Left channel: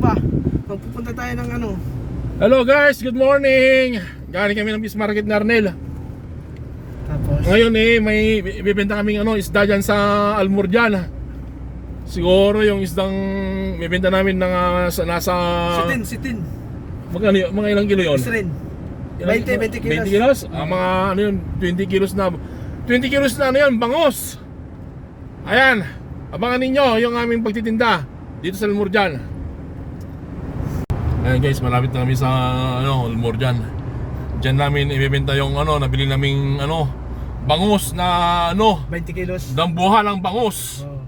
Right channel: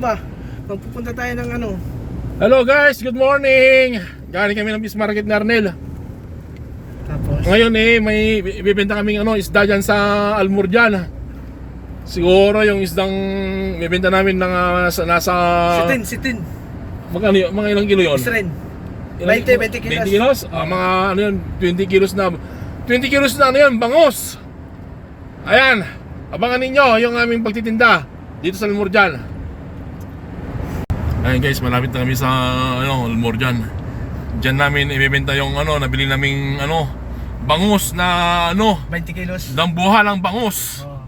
ba? Magpupunta tayo ng ano? Hello guys, good morning! Galing kami ng Fish Market ni Arnel. Tapos, Ngayon eh, may ibibenta kaming ano, isda dyan sa Almurjan. Siguro yung isdang ibibenta namin ng ah, sa, nasa... sitin, sitin. Magkano yun? Mga ilang kilo yun? Isren. Ilang- 20, 20 kilos. 20 kilos? Ah, mga ano yun, 20 kilos na 20 kilos na ano yun, bangos Ayan, abangan ninyo yung aming pagtitinda Dito sa Almurjan Ayan guys, malapit na kami sa ano, Almurjan Diyan namin ibebenta yung ano, nabili naming ano Bangus na ano, 20 kilos. dambuha ng bangus Oh.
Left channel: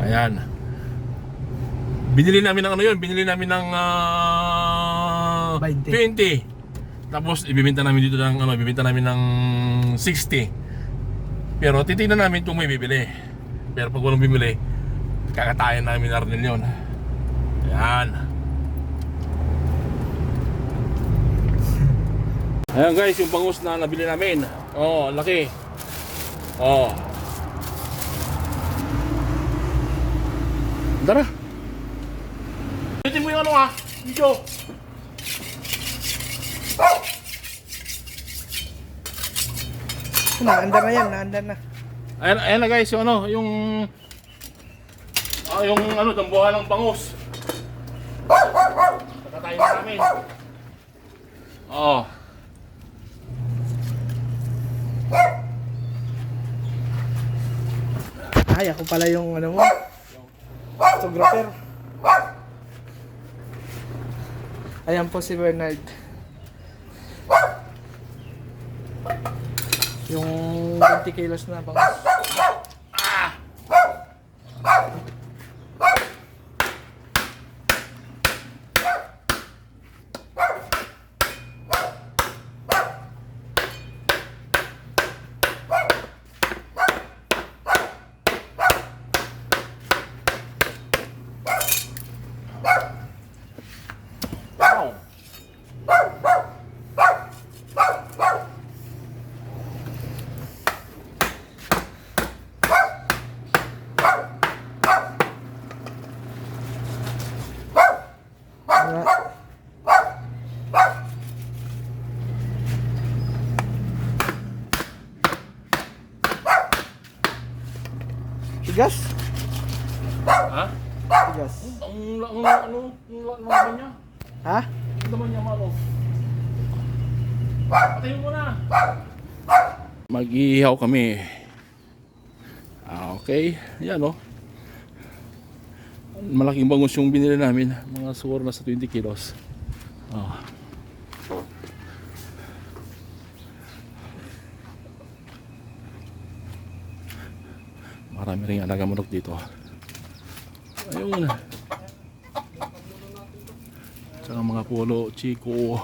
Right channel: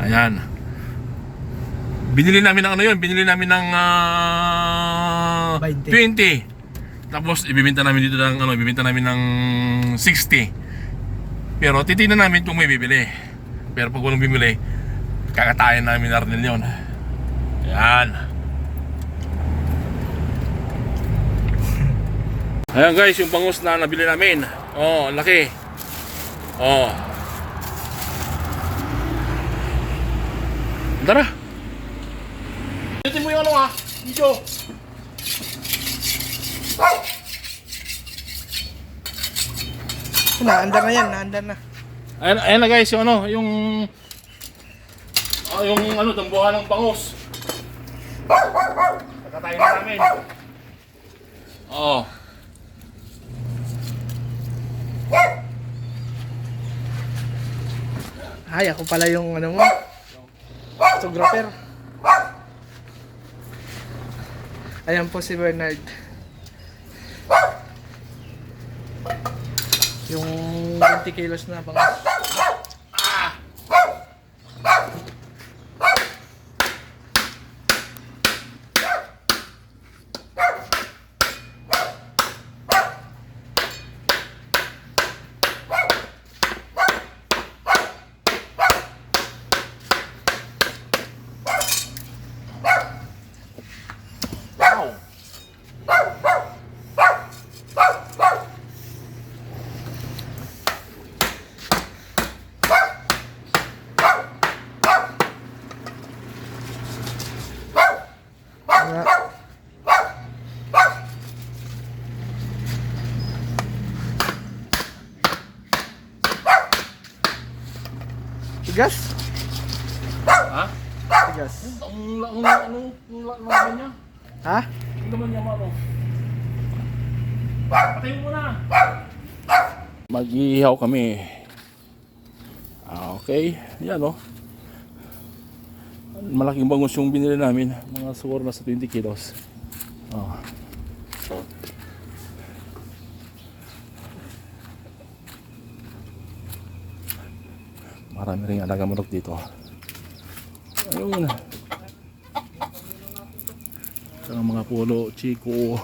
Ayan. Binili namin ng ano yun, binili namin ng ah, 20. 20. Tapos ibibenta namin dito ng ano, ibibenta namin ng 60. Pero titingnan namin kung may bibili. Pero pag walang bibili, kakatayan namin na rin yun. Ayan. Ayan guys, yung bangus na nabili namin. Oh, laki. Oh. Tara. Ulitin mo yung ano ha, video. Naandar na yan, naandar na. Ayan, ayan na guys, yung ano, yung ah, yung ano, dambuhan ng bangus. Nakatayin na namin. Oo. Ay, ako pala yung ano mo. Photographer. Ayan po si Bernard. Yung 20 kilos na bang Nga. Tigas? Ha? Tigas. Ang ang ano, ang la- ang laman niya? Ha? Ang laman niya, ano? Patayin mo na. Mag-iihaw kami. Ah, okay. Yan, oh. Malaking bangus yung binili namin. Mga siguro na sa 20 kilos. Oh. Marami rin alaga manok dito. Ayun. Tsaka mga pulo, chiko.